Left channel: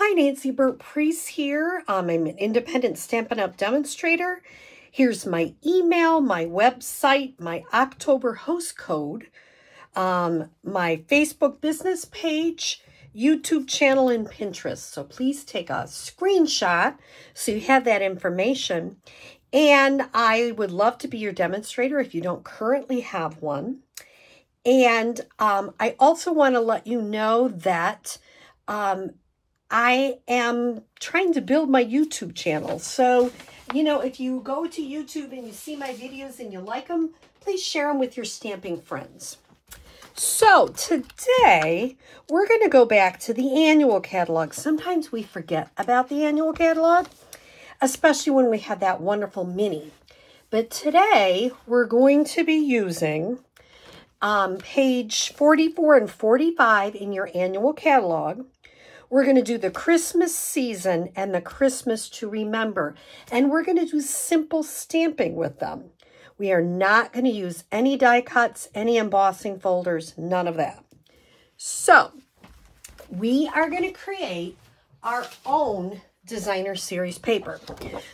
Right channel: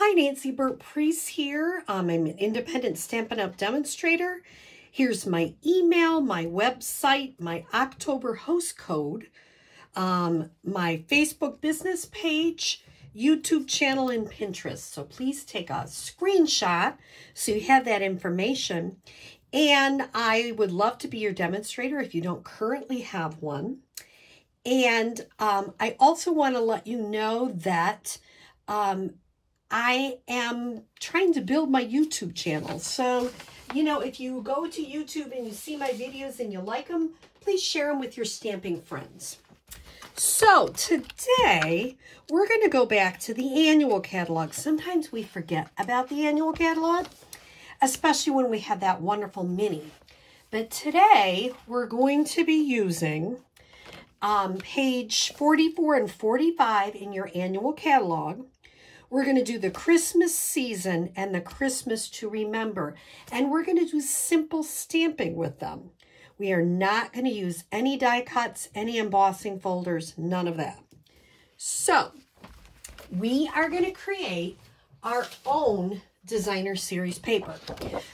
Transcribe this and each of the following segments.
Hi, Nancy Burt-Preece here. I'm an independent Stampin' Up! Demonstrator. Here's my email, my website, my October host code, my Facebook business page, YouTube channel, and Pinterest. So please take a screenshot so you have that information. And I would love to be your demonstrator if you don't currently have one. And I also want to let you know that I am trying to build my YouTube channel. So, you know, if you go to YouTube and you see my videos and you like them, please share them with your stamping friends. So today, we're going to go back to the annual catalog. Sometimes we forget about the annual catalog, especially when we had that wonderful mini. But today, we're going to be using page 44 and 45 in your annual catalog. We're going to do the Christmas season and the Christmas to remember. And we're going to do simple stamping with them. We are not going to use any die cuts, any embossing folders, none of that. So we are going to create our own designer series paper.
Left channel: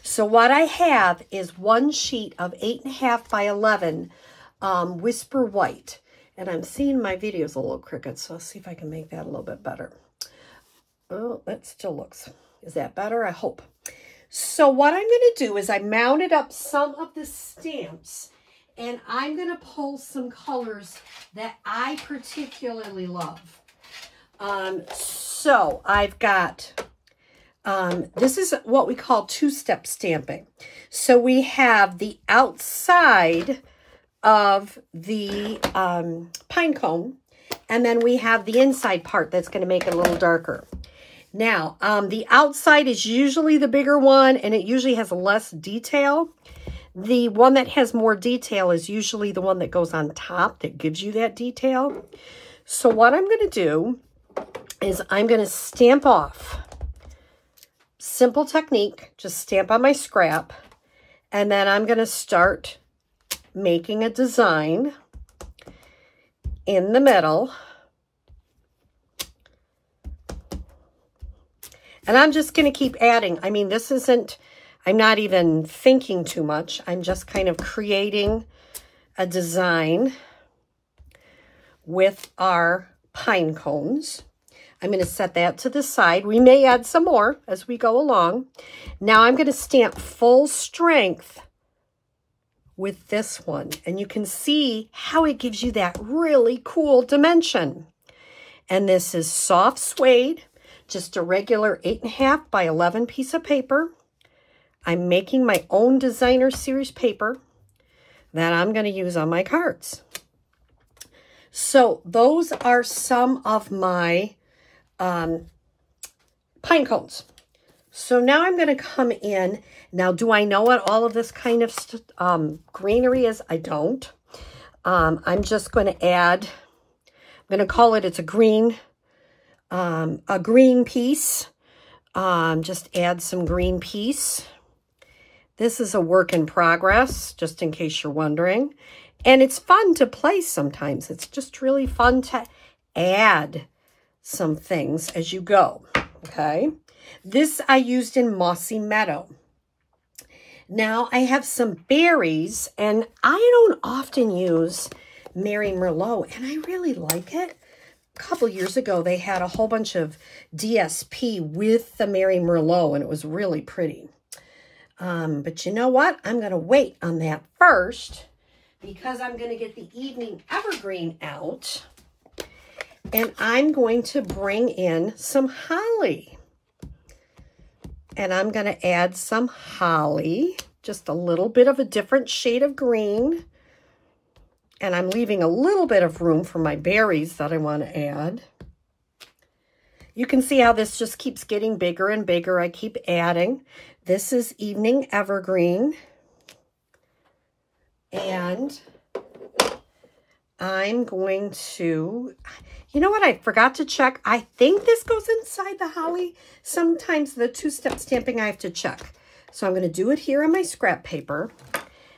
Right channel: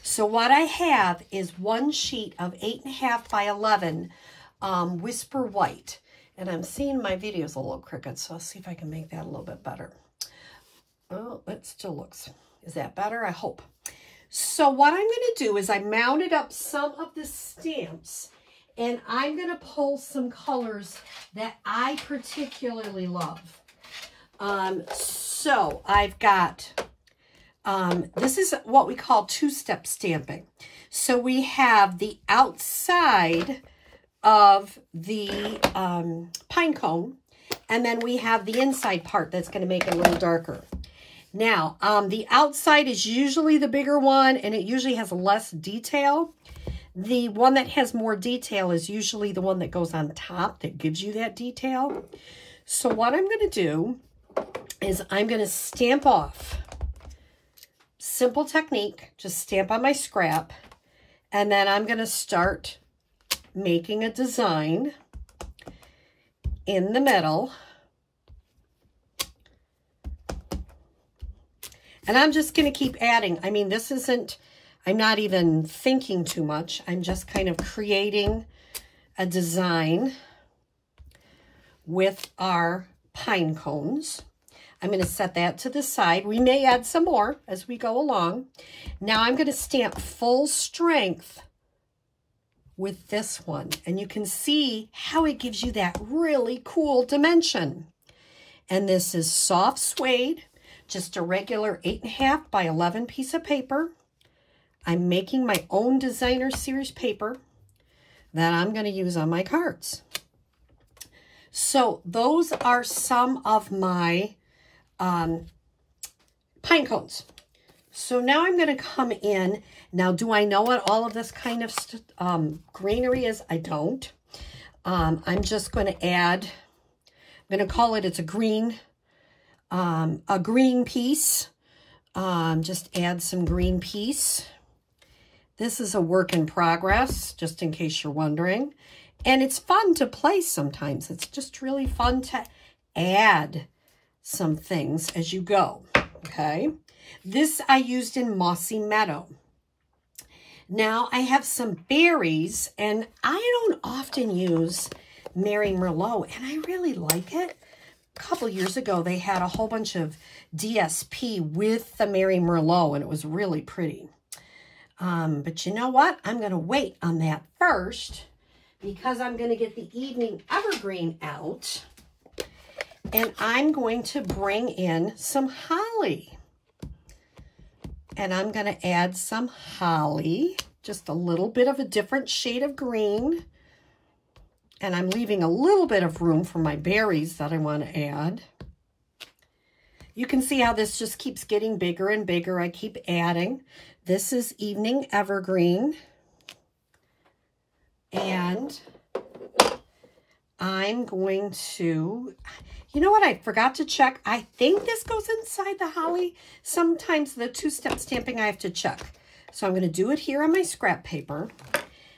So what I have is one sheet of 8.5 by 11 Whisper White. And I'm seeing my videos a little crooked, so I'll see if I can make that a little bit better. Oh, that still looks, is that better? I hope. So what I'm going to do is I mounted up some of the stamps and I'm going to pull some colors that I particularly love. So I've got, this is what we call two-step stamping. So we have the outside of the pine cone, and then we have the inside part that's going to make it a little darker. Now, the outside is usually the bigger one, and it usually has less detail. The one that has more detail is usually the one that goes on top that gives you that detail. So what I'm going to do is I'm going to stamp off. Simple technique, just stamp on my scrap, and then I'm going to start making a design in the middle. And I'm just going to keep adding. I mean, this isn't, I'm not even thinking too much. I'm just kind of creating a design with our pine cones. I'm going to set that to the side. We may add some more as we go along. Now I'm going to stamp full strength with this one. And you can see how it gives you that really cool dimension. And this is soft suede. Just a regular 8.5 by 11 piece of paper. I'm making my own designer series paper that I'm going to use on my cards. So those are some of my pine cones. So now I'm going to come in. Now, do I know what all of this kind of greenery is? I don't. I'm just going to add, I'm going to call it, it's a green piece. Just add some green piece. This is a work in progress, just in case you're wondering. And it's fun to play sometimes. It's just really fun to add some things as you go, okay? This I used in Mossy Meadow. Now I have some berries, and I don't often use Mary Merlot, and I really like it. A couple years ago, they had a whole bunch of DSP with the Mary Merlot, and it was really pretty. But you know what? I'm going to wait on that first because I'm going to get the Evening Evergreen out, and I'm going to bring in some holly. And I'm going to add some holly, just a little bit of a different shade of green. And I'm leaving a little bit of room for my berries that I want to add. You can see how this just keeps getting bigger and bigger. I keep adding. This is Evening Evergreen. And I'm going to, you know what, I forgot to check. I think this goes inside the holly. Sometimes the two-step stamping I have to check. So I'm going to do it here on my scrap paper.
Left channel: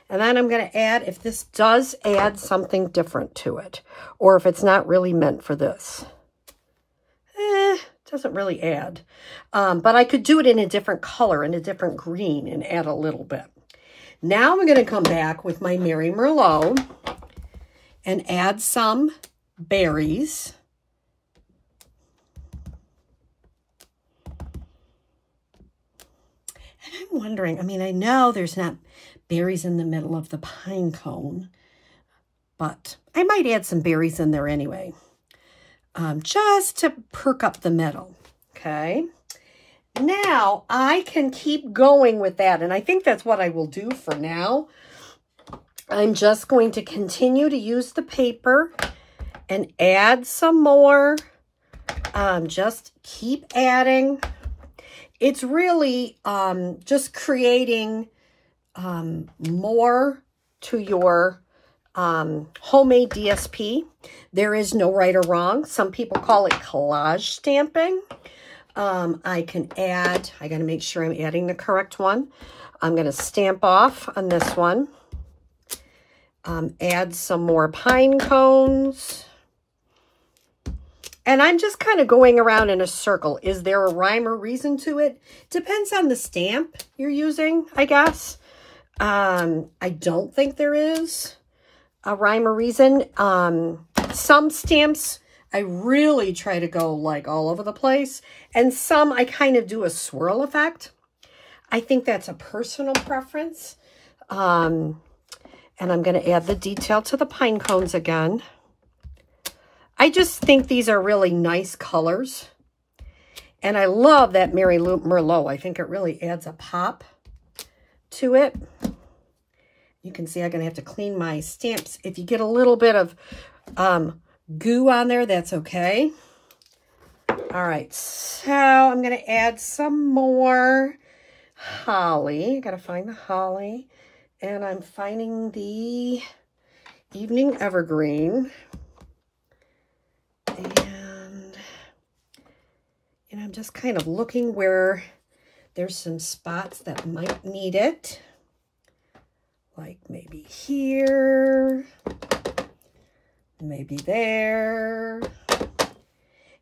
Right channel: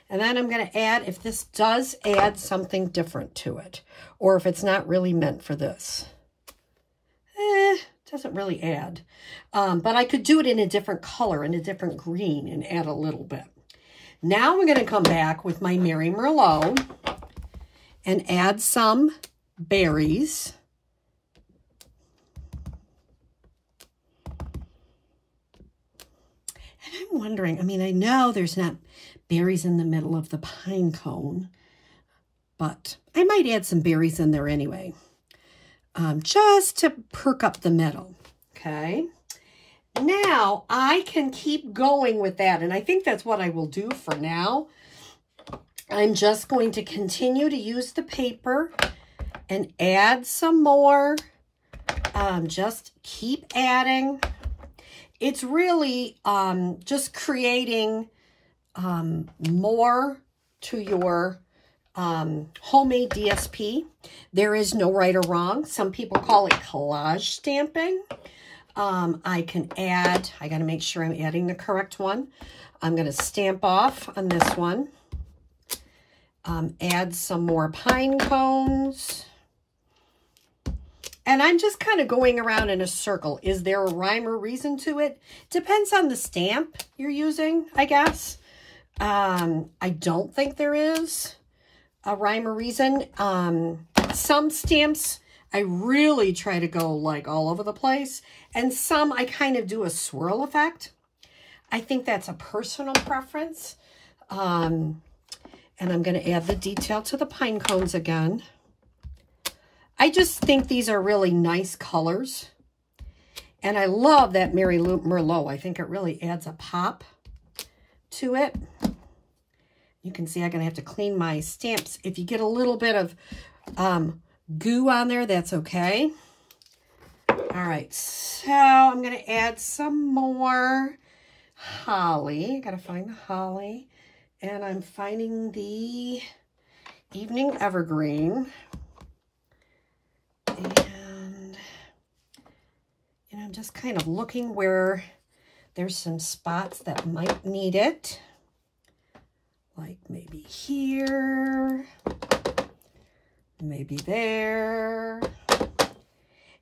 And then I'm going to add, if this does add something different to it, or if it's not really meant for this. doesn't really add. But I could do it in a different color, in a different green, and add a little bit. Now I'm going to come back with my Mary Merlot and add some berries. And I'm wondering, I mean, I know there's not berries in the middle of the pine cone, but I might add some berries in there anyway, just to perk up the middle, okay? Now I can keep going with that, and I think that's what I will do for now. I'm just going to continue to use the paper and add some more. Just keep adding. It's really just creating more to your homemade DSP. There is no right or wrong. Some people call it collage stamping. I can add, I got to make sure I'm adding the correct one. I'm going to stamp off on this one. Add some more pine cones. And I'm just kind of going around in a circle. Is there a rhyme or reason to it? Depends on the stamp you're using, I guess. I don't think there is a rhyme or reason. Some stamps, I really try to go like all over the place. And some I kind of do a swirl effect. I think that's a personal preference. And I'm going to add the detail to the pine cones again. I just think these are really nice colors. And I love that Mary Merlot. I think it really adds a pop to it. You can see I'm going to have to clean my stamps. If you get a little bit of goo on there, that's okay. All right, so I'm going to add some more holly. Got to find the holly. And I'm finding the Evening Evergreen. And, you know, I'm just kind of looking where there's some spots that might need it. Like maybe here, maybe there.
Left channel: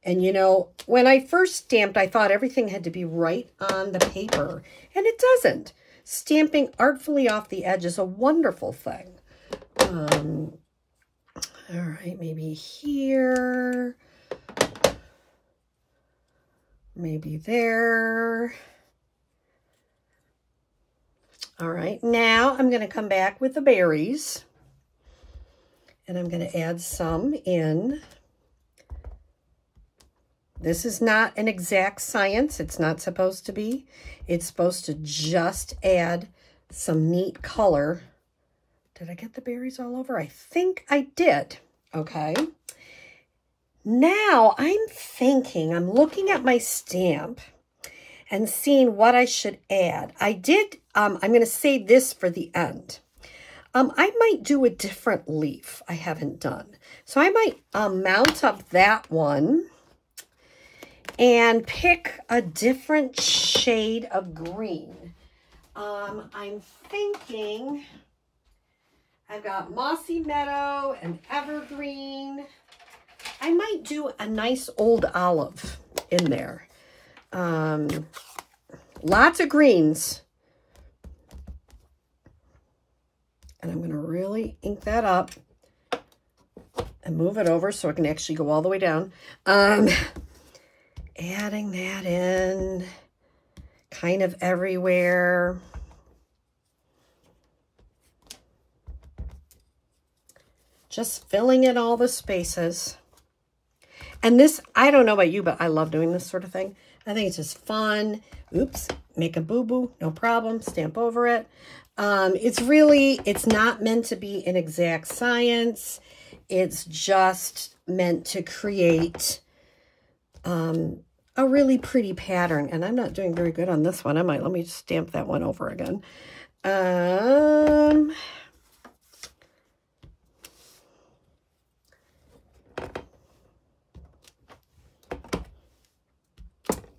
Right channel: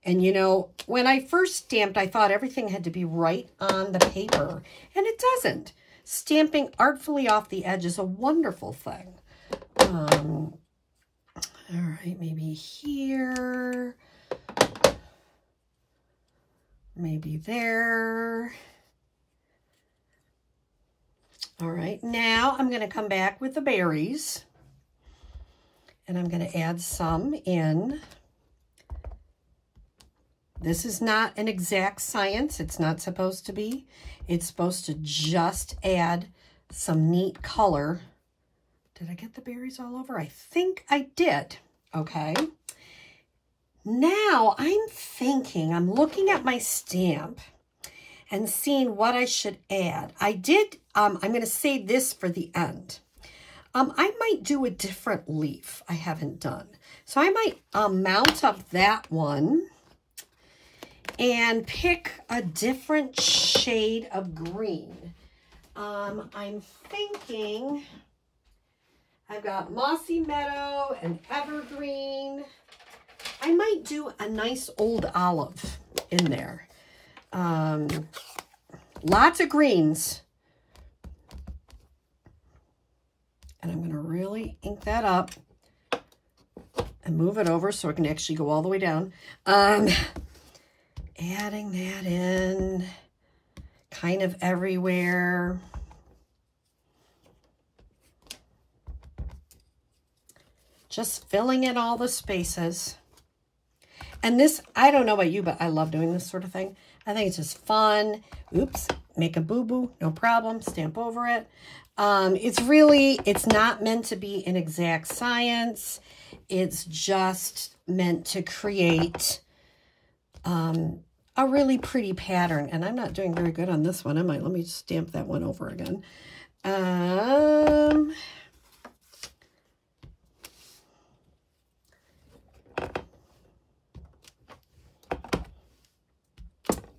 And, you know, when I first stamped, I thought everything had to be right on the paper. And it doesn't. Stamping artfully off the edge is a wonderful thing. All right, maybe here. Maybe there. All right, now I'm going to come back with the berries. And I'm going to add some in. This is not an exact science. It's not supposed to be. It's supposed to just add some neat color. Did I get the berries all over? I think I did. Okay. Now I'm thinking, I'm looking at my stamp and seeing what I should add. I did, I'm going to save this for the end. I might do a different leaf I haven't done. So I might mount up that one and pick a different shade of green. I'm thinking I've got Mossy Meadow and Evergreen. I might do a nice old olive in there. Lots of greens. And I'm going to really ink that up and move it over so it can actually go all the way down. Adding that in kind of everywhere. Just filling in all the spaces. And this, I don't know about you, but I love doing this sort of thing. I think it's just fun. Oops, make a boo-boo, no problem, stamp over it. It's not meant to be an exact science. It's just meant to create a really pretty pattern. And I'm not doing very good on this one, am I? Let me stamp that one over again.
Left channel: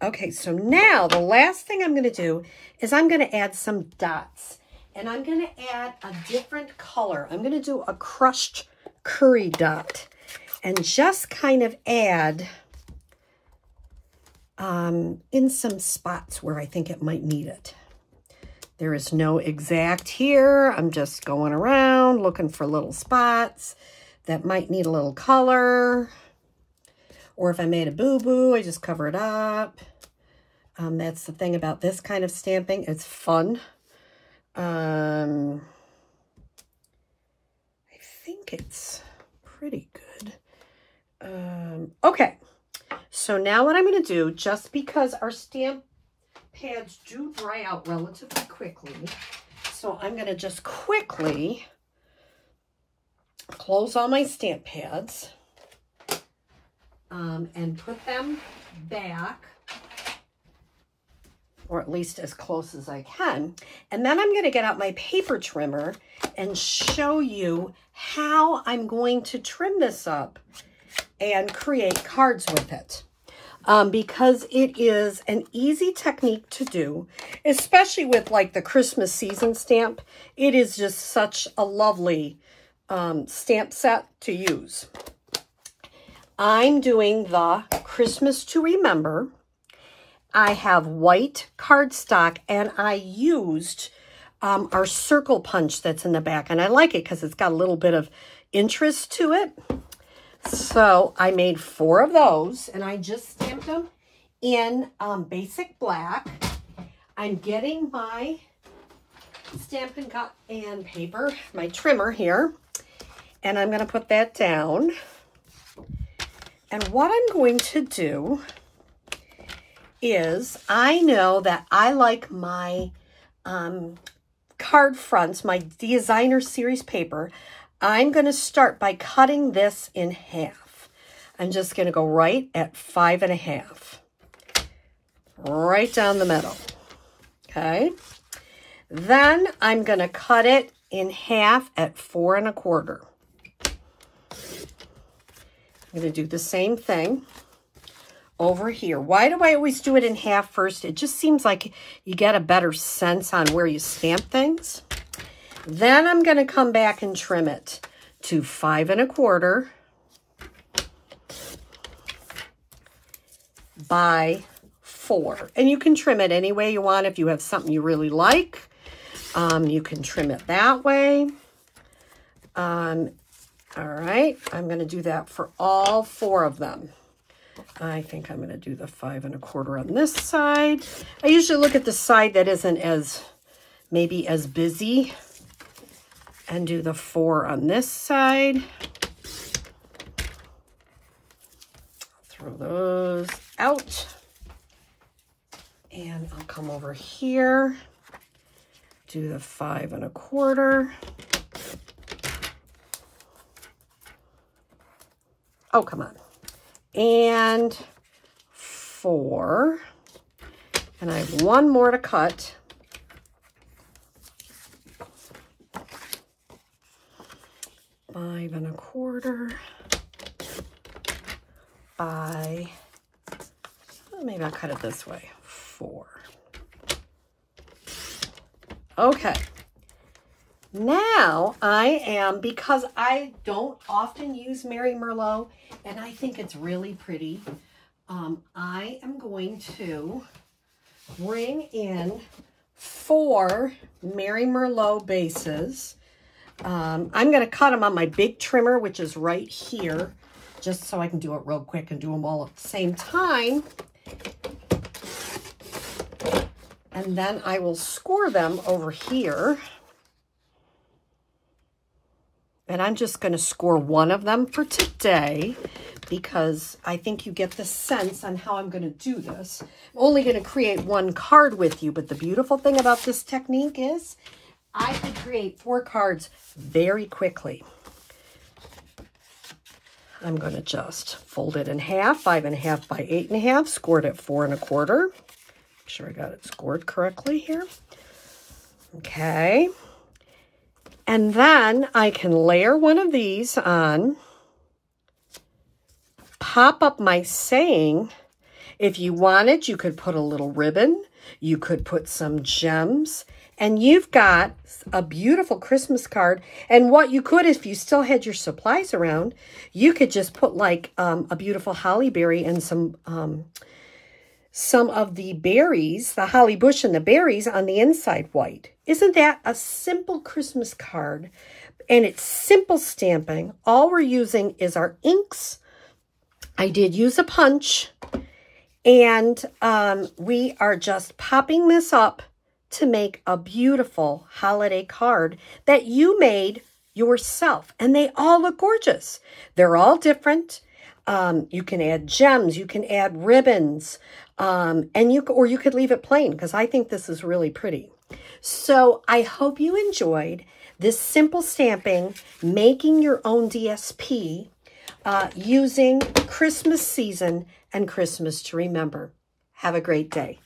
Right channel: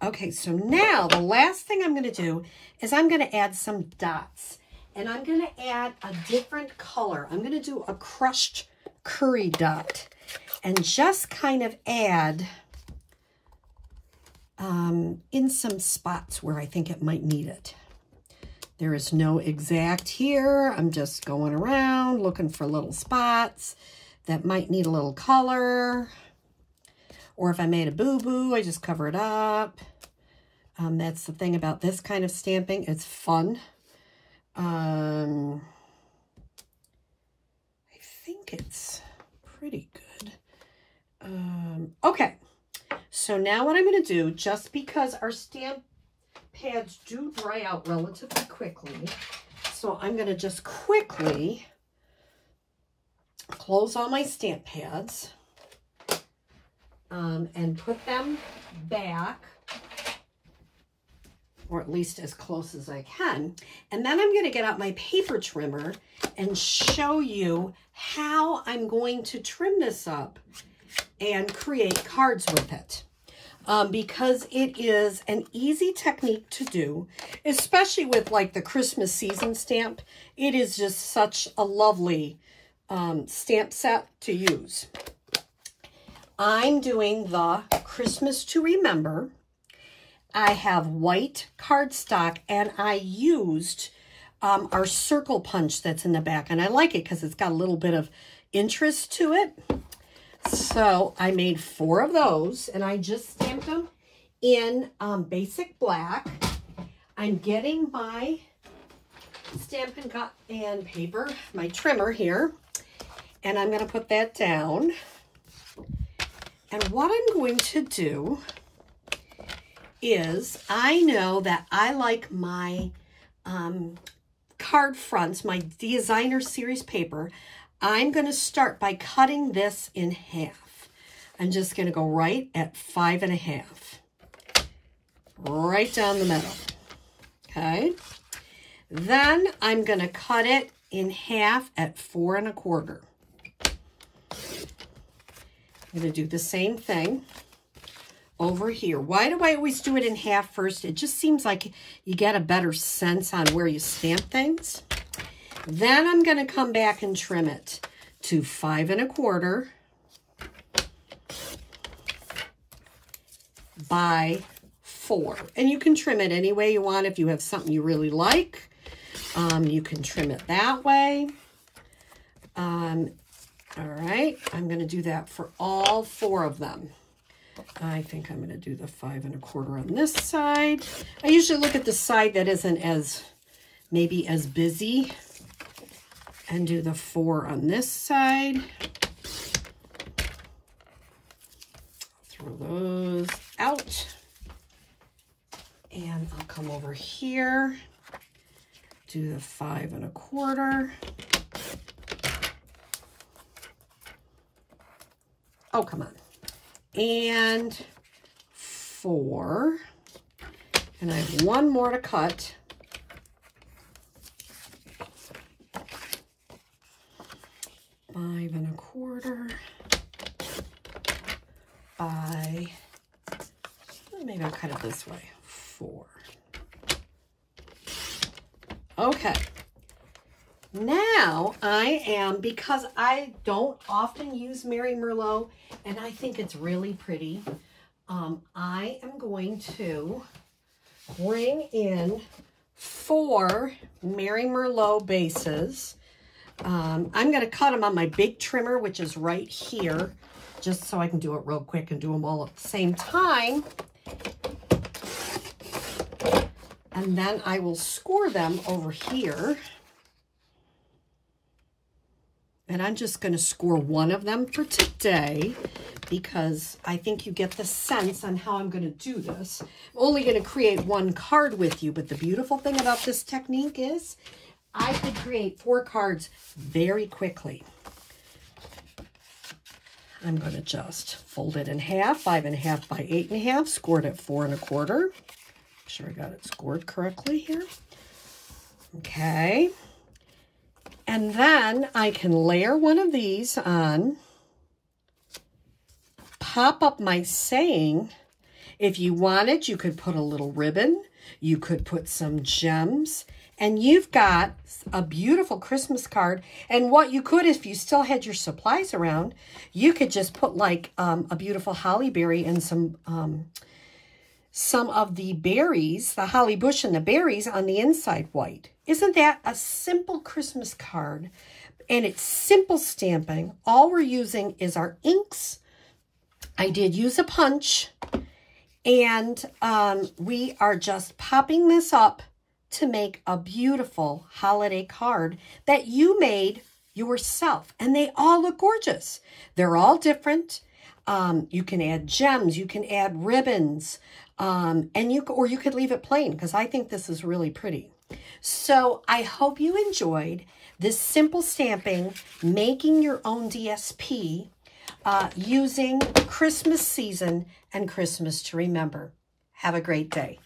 Okay, so now the last thing I'm going to do is I'm going to add some dots. And I'm going to add a different color. I'm going to do a crushed curry dot. And just kind of add in some spots where I think it might need it. There is no exact here. I'm just going around looking for little spots that might need a little color. Or if I made a boo-boo, I just cover it up. That's the thing about this kind of stamping. It's fun. I think it's pretty good. Okay. So now what I'm going to do, just because our stamp pads do dry out relatively quickly, so I'm going to just quickly close all my stamp pads and put them back, or at least as close as I can. And then I'm going to get out my paper trimmer and show you how I'm going to trim this up and create cards with it. Because it is an easy technique to do, especially with like the Christmas season stamp. It is just such a lovely stamp set to use. I'm doing the Christmas to Remember. I have white cardstock, and I used our circle punch that's in the back, and I like it because it's got a little bit of interest to it. So I made 4 of those, and I just stamped them in basic black. I'm getting my Stampin' and paper, my trimmer here, and I'm going to put that down. And what I'm going to do is, I know that I like my card fronts, my designer series paper. I'm going to start by cutting this in half. I'm just going to go right at 5.5, right down the middle. Okay. Then I'm going to cut it in half at 4.25. I'm going to do the same thing over here. Why do I always do it in half first? It just seems like you get a better sense on where you stamp things. Then I'm going to come back and trim it to 5.25 by 4. And you can trim it any way you want. If you have something you really like, you can trim it that way. All right, I'm going to do that for all 4 of them. I think I'm going to do the 5.25 on this side. I usually look at the side that isn't as, maybe as busy, and do the 4 on this side. Throw those out. And I'll come over here, do the 5.25. Oh, come on. And 4. And I have 1 more to cut. $5.25 by, maybe I'll cut it this way, 4. Okay. Now I am, because I don't often use Mary Merlot, and I think it's really pretty, I am going to bring in 4 Mary Merlot bases. I'm going to cut them on my big trimmer, which is right here, just so I can do it real quick and do them all at the same time. And then I will score them over here. And I'm just going to score 1 of them for today, because I think you get the sense on how I'm going to do this. I'm only going to create 1 card with you, but the beautiful thing about this technique is I could create 4 cards very quickly. I'm going to just fold it in half, 5.5 by 8.5, scored at 4.25. Make sure I got it scored correctly here. Okay. And then I can layer 1 of these on, pop up my saying. If you wanted, you could put a little ribbon, you could put some gems, and you've got a beautiful Christmas card. And what you could, if you still had your supplies around, you could just put like a beautiful holly berry and some some of the berries, the holly bush and the berries on the inside white. Isn't that a simple Christmas card? And it's simple stamping. All we're using is our inks. I did use a punch. And we are just popping this up to make a beautiful holiday card that you made yourself. And they all look gorgeous. They're all different. You can add gems. You can add ribbons. Or you could leave it plain, because I think this is really pretty. So I hope you enjoyed this simple stamping, making your own DSP, using Christmas season and Christmas to remember. Have a great day.